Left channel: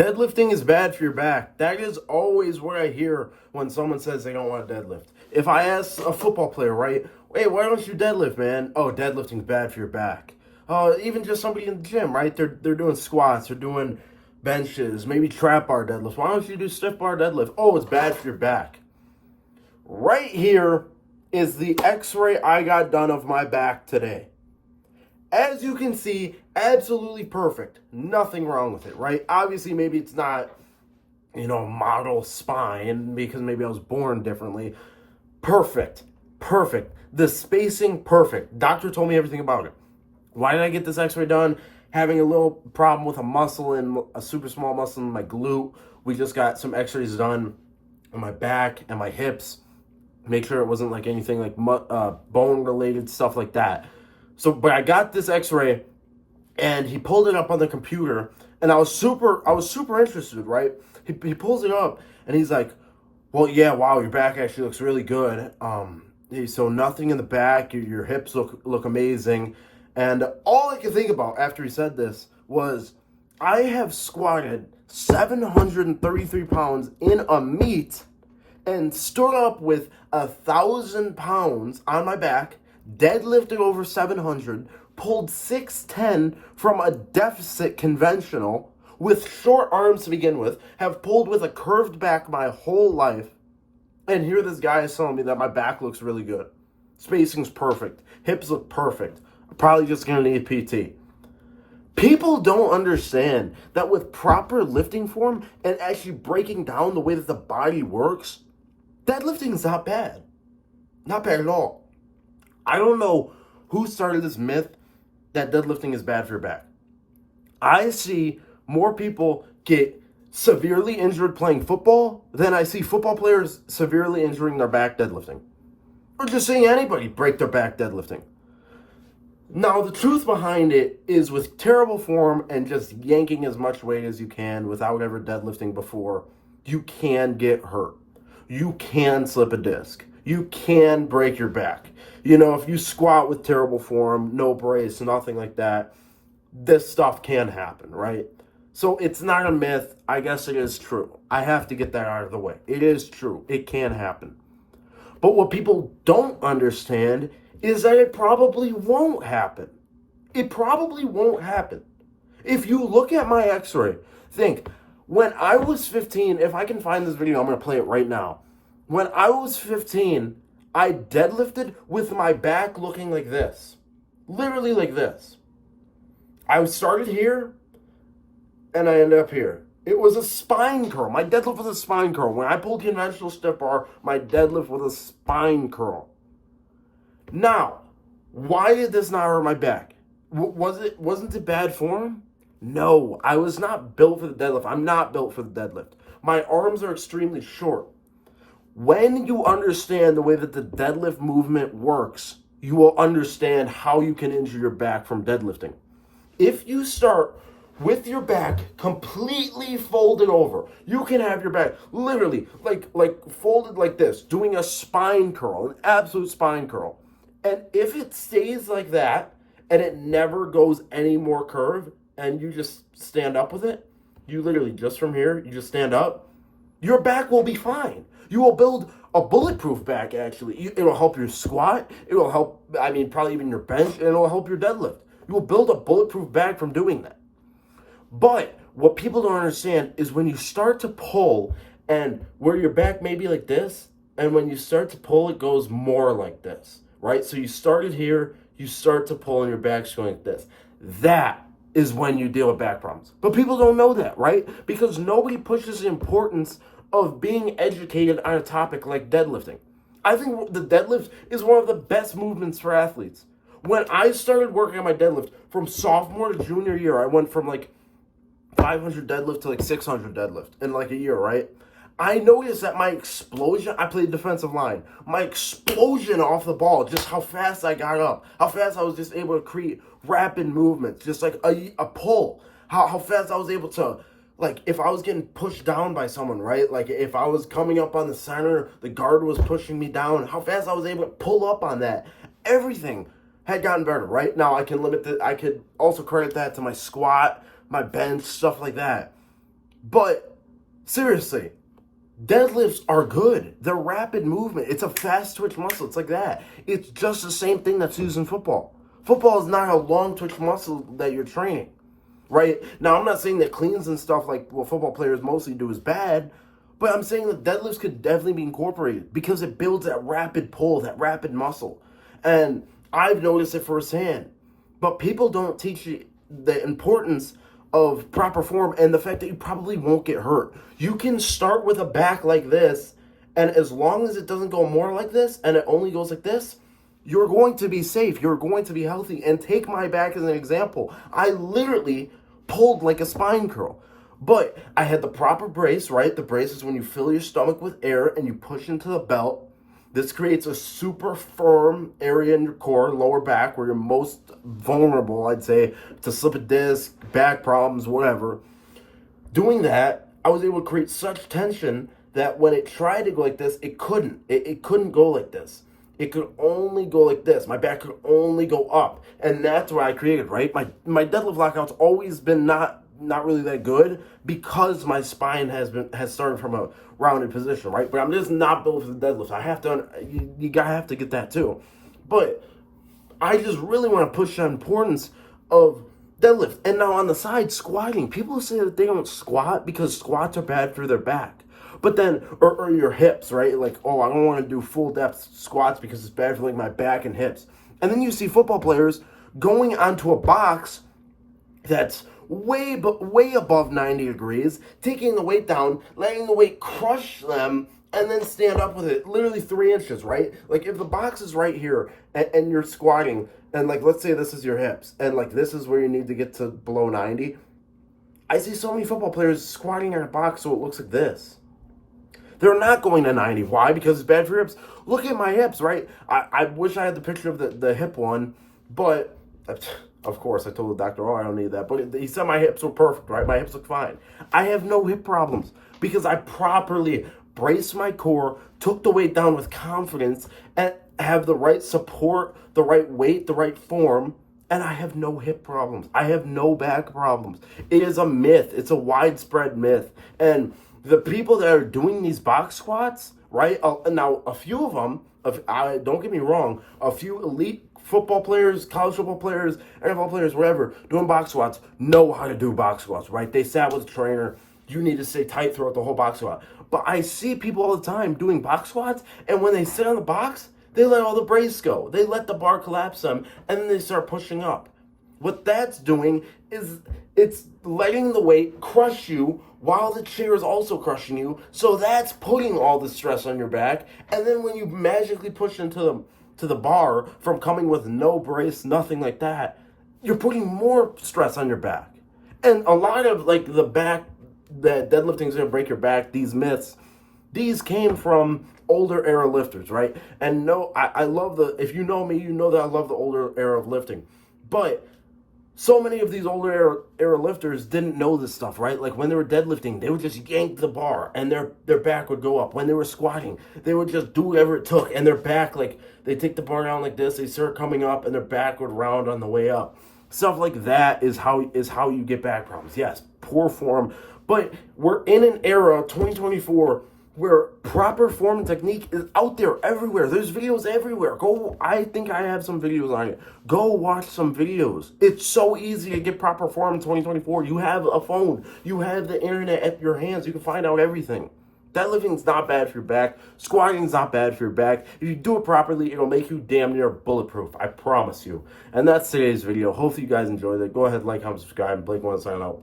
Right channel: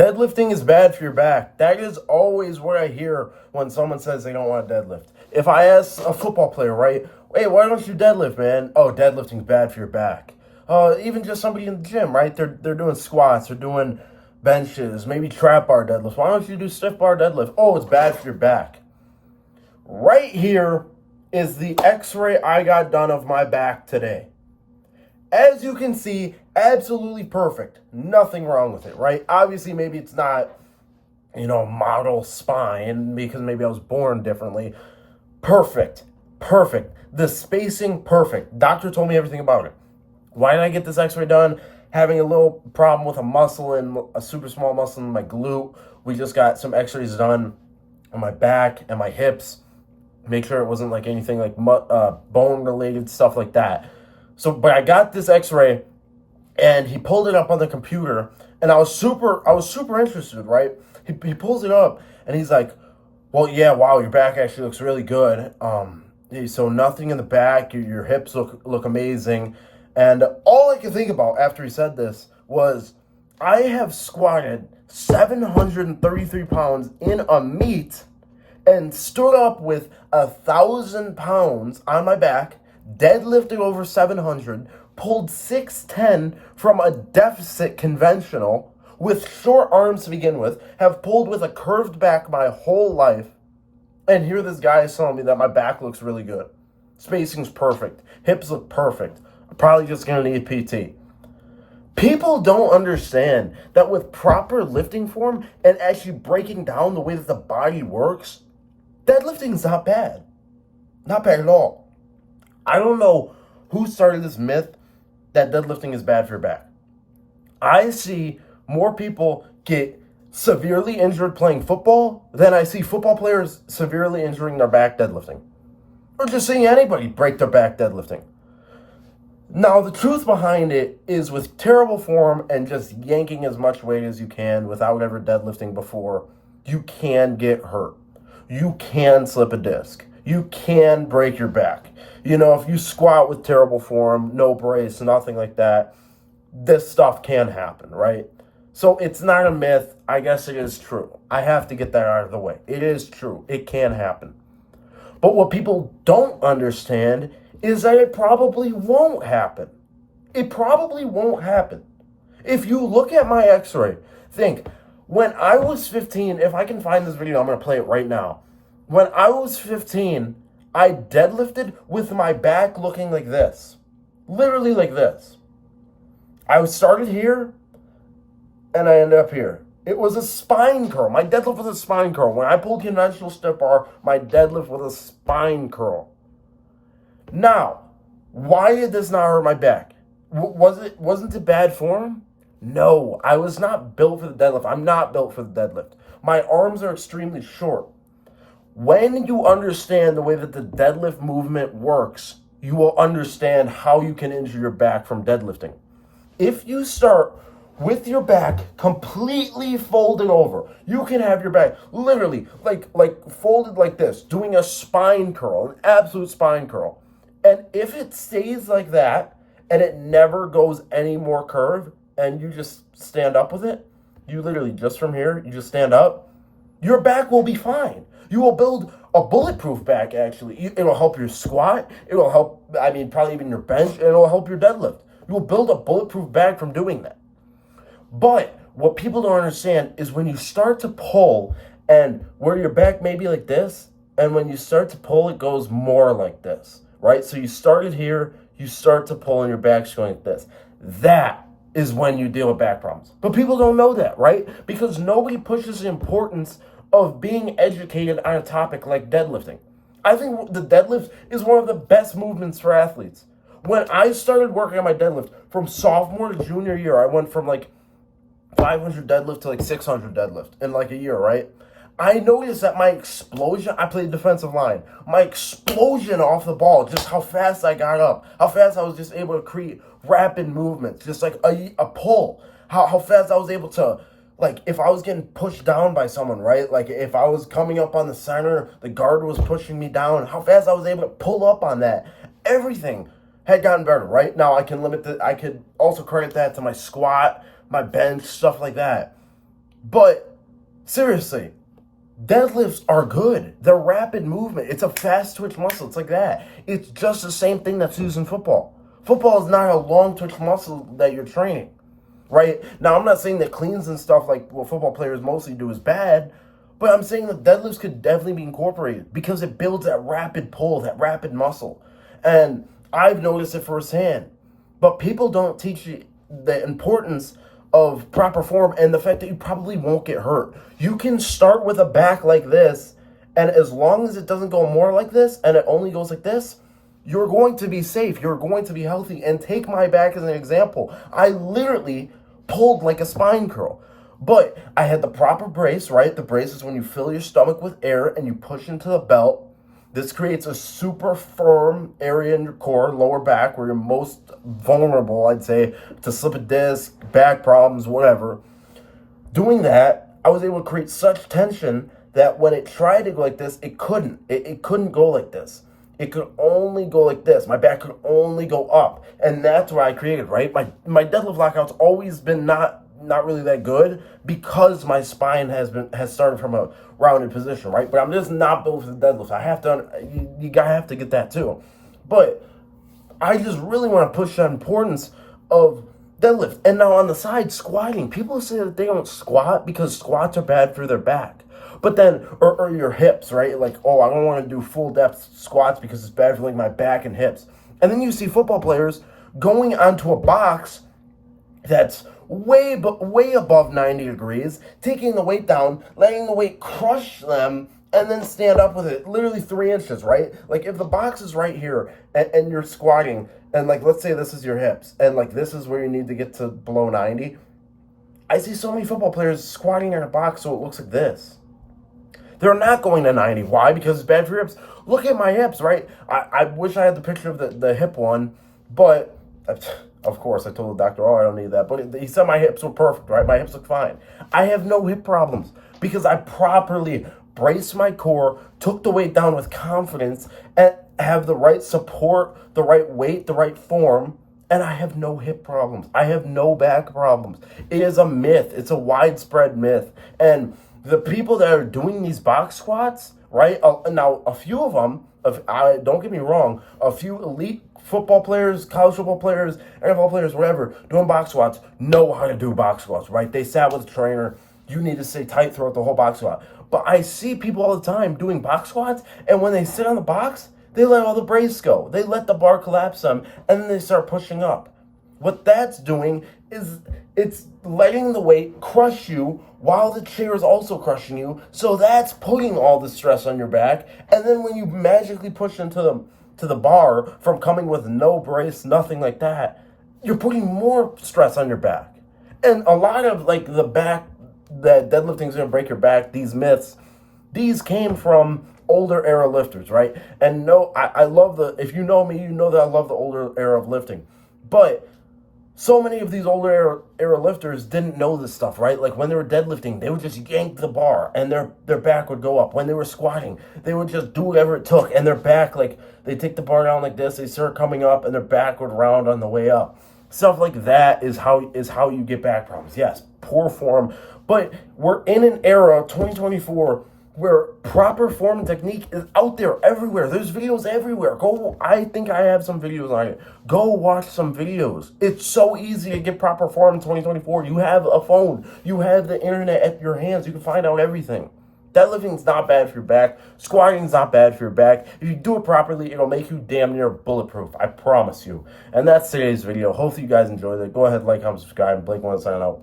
Deadlifting is bad for your back. That is always what I hear when someone says they don't want to deadlift. If I ask a football player, right, hey, why don't you deadlift, man? Oh, deadlifting's bad for your back. Even just somebody in the gym, right? They're doing squats, they're doing benches, maybe trap bar deadlifts. Why don't you do stiff bar deadlift? Oh, it's bad for your back. Right here is the Xray I got done of my back today. As you can see, absolutely perfect. Nothing wrong with it, right? Obviously, maybe it's not, model spine because maybe I was born differently. Perfect. The spacing, perfect. Doctor told me everything about it. Why did I get this X-ray done? Having a little problem with a muscle and a super small muscle in my glute. We just got some X-rays done on my back and my hips. Make sure it wasn't like anything like bone-related stuff like that. But I got this X-ray, and he pulled it up on the computer, and I was super interested, right? He pulls it up, and he's like, well, yeah, wow, your back actually looks really good. So nothing in the back, your hips look amazing. And all I could think about after he said this was, I have squatted 733 pounds in a meet and stood up with 1,000 pounds on my back, deadlifted over 700, pulled 610 from a deficit conventional with short arms to begin with, have pulled with a curved back my whole life, and here this guy is telling me that my back looks really good. Spacing's perfect. Hips look perfect. I'm probably just going to need PT. People don't understand that with proper lifting form and actually breaking down the way that the body works, deadlifting's not bad. Not bad at all. I don't know who started this myth that deadlifting is bad for your back. I see more people get severely injured playing football than I see football players severely injuring their back deadlifting. Or just seeing anybody break their back deadlifting. Now, the truth behind it is with terrible form and just yanking as much weight as you can without ever deadlifting before, you can get hurt. You can slip a disc. You can break your back. If you squat with terrible form, no brace, nothing like that, this stuff can happen, right? So it's not a myth. I guess it is true. I have to get that out of the way. It is true. It can happen. But what people don't understand is that it probably won't happen. It probably won't happen. If you look at my X-ray, think, when I was 15, if I can find this video, I'm going to play it right now. When I was 15, I deadlifted with my back looking like this. Literally like this. I started here, and I ended up here. It was a spine curl. My deadlift was a spine curl. When I pulled conventional stiff bar, my deadlift was a spine curl. Now, why did this not hurt my back? Wasn't it bad form? No, I was not built for the deadlift. I'm not built for the deadlift. My arms are extremely short. When you understand the way that the deadlift movement works, you will understand how you can injure your back from deadlifting. If you start with your back completely folded over, you can have your back literally like folded like this, doing a spine curl, an absolute spine curl. And if it stays like that and it never goes any more curved and you just stand up with it, you literally just from here, you just stand up, your back will be fine. You will build a bulletproof back, actually. It'll help your squat. It'll help, probably even your bench, and it'll help your deadlift. You will build a bulletproof back from doing that. But what people don't understand is when you start to pull and where your back may be like this, and when you start to pull, it goes more like this, right? So you started here, you start to pull and your back's going like this. That is when you deal with back problems. But people don't know that, right? Because nobody pushes the importance of being educated on a topic like deadlifting. I think the deadlift is one of the best movements for athletes. When I started working on my deadlift from sophomore to junior year, I went from 500 deadlift to 600 deadlift in a year, right? I noticed that my explosion, I played defensive line, my explosion off the ball, just how fast I got up, how fast I was just able to create rapid movements, just like a pull, how fast I was able to, if I was getting pushed down by someone, right? If I was coming up on the center, the guard was pushing me down, how fast I was able to pull up on that. Everything had gotten better, right? Now I could also credit that to my squat, my bench, stuff like that. But seriously, deadlifts are good. They're rapid movement. It's a fast twitch muscle. It's like that. It's just the same thing that's used in football. Football is not a long twitch muscle that you're training, right? Now, I'm not saying that cleans and stuff like what football players mostly do is bad, but I'm saying that deadlifts could definitely be incorporated because it builds that rapid pull, that rapid muscle. And I've noticed it firsthand. But people don't teach you the importance of proper form and the fact that you probably won't get hurt. You can start with a back like this, and as long as it doesn't go more like this and it only goes like this, you're going to be safe. You're going to be healthy. And take my back as an example. I literally pulled like a spine curl. But I had the proper brace, right? The brace is when you fill your stomach with air and you push into the belt. This creates a super firm area in your core, lower back, where you're most vulnerable, I'd say, to slip a disc, back problems, whatever. Doing that, I was able to create such tension that when it tried to go like this, it couldn't. It couldn't go like this. It could only go like this. My back could only go up. And that's what I created, right? My deadlift lockout's always been not really that good because my spine has started from a rounded position, right? But I'm just not built for the deadlift. I have to, you have to get that too. But I just really want to push the importance of deadlift. And now on the side, squatting. People say that they don't squat because squats are bad for their back. But then, or your hips, right? Like, oh, I don't want to do full depth squats because it's bad for like my back and hips. And then you see football players going onto a box that's way above 90 degrees, taking the weight down, letting the weight crush them, and then stand up with it, literally 3 inches, right? Like if the box is right here and you're squatting, and like let's say this is your hips, and like this is where you need to get to below 90, I see so many football players squatting in a box so it looks like this. They're not going to 90. Why? Because it's bad for your hips. Look at my hips, right? I wish I had the picture of the hip one, but of course I told the doctor, oh, I don't need that. But he said my hips were perfect, right? My hips look fine. I have no hip problems because I properly braced my core, took the weight down with confidence, and have the right support, the right weight, the right form, and I have no hip problems. I have no back problems. It is a myth. It's a widespread myth. And the people that are doing these box squats, right? Now, a few of them, don't get me wrong, a few elite football players, college football players, NFL players, whatever, doing box squats know how to do box squats, right? They sat with a trainer. You need to stay tight throughout the whole box squat. But I see people all the time doing box squats, and when they sit on the box, they let all the brace go. They let the bar collapse them, and then they start pushing up. What that's doing is it's letting the weight crush you while the chair is also crushing you. So that's putting all the stress on your back. And then when you magically push into the bar from coming with no brace, nothing like that, you're putting more stress on your back. And a lot of like the back, that deadlifting is going to break your back, these myths, these came from older era lifters, right? And no, I love if you know me, you know that I love the older era of lifting. But so many of these older era lifters didn't know this stuff, right? Like when they were deadlifting, they would just yank the bar and their back would go up. When they were squatting, they would just do whatever it took, and their back, like they take the bar down like this, they start coming up, and their back would round on the way up. Stuff like that is how you get back problems. Yes, poor form, but we're in an era, 2024, where proper form and technique is out there everywhere. There's videos everywhere. I think I have some videos on it. Go watch some videos. It's so easy to get proper form in 2024. You have a phone. You have the internet at your hands. You can find out everything. Deadlifting's not bad for your back. Squatting's not bad for your back. If you do it properly, it'll make you damn near bulletproof. I promise you. And that's today's video. Hopefully you guys enjoyed it. Go ahead, like, comment, subscribe. Blake wants to sign out.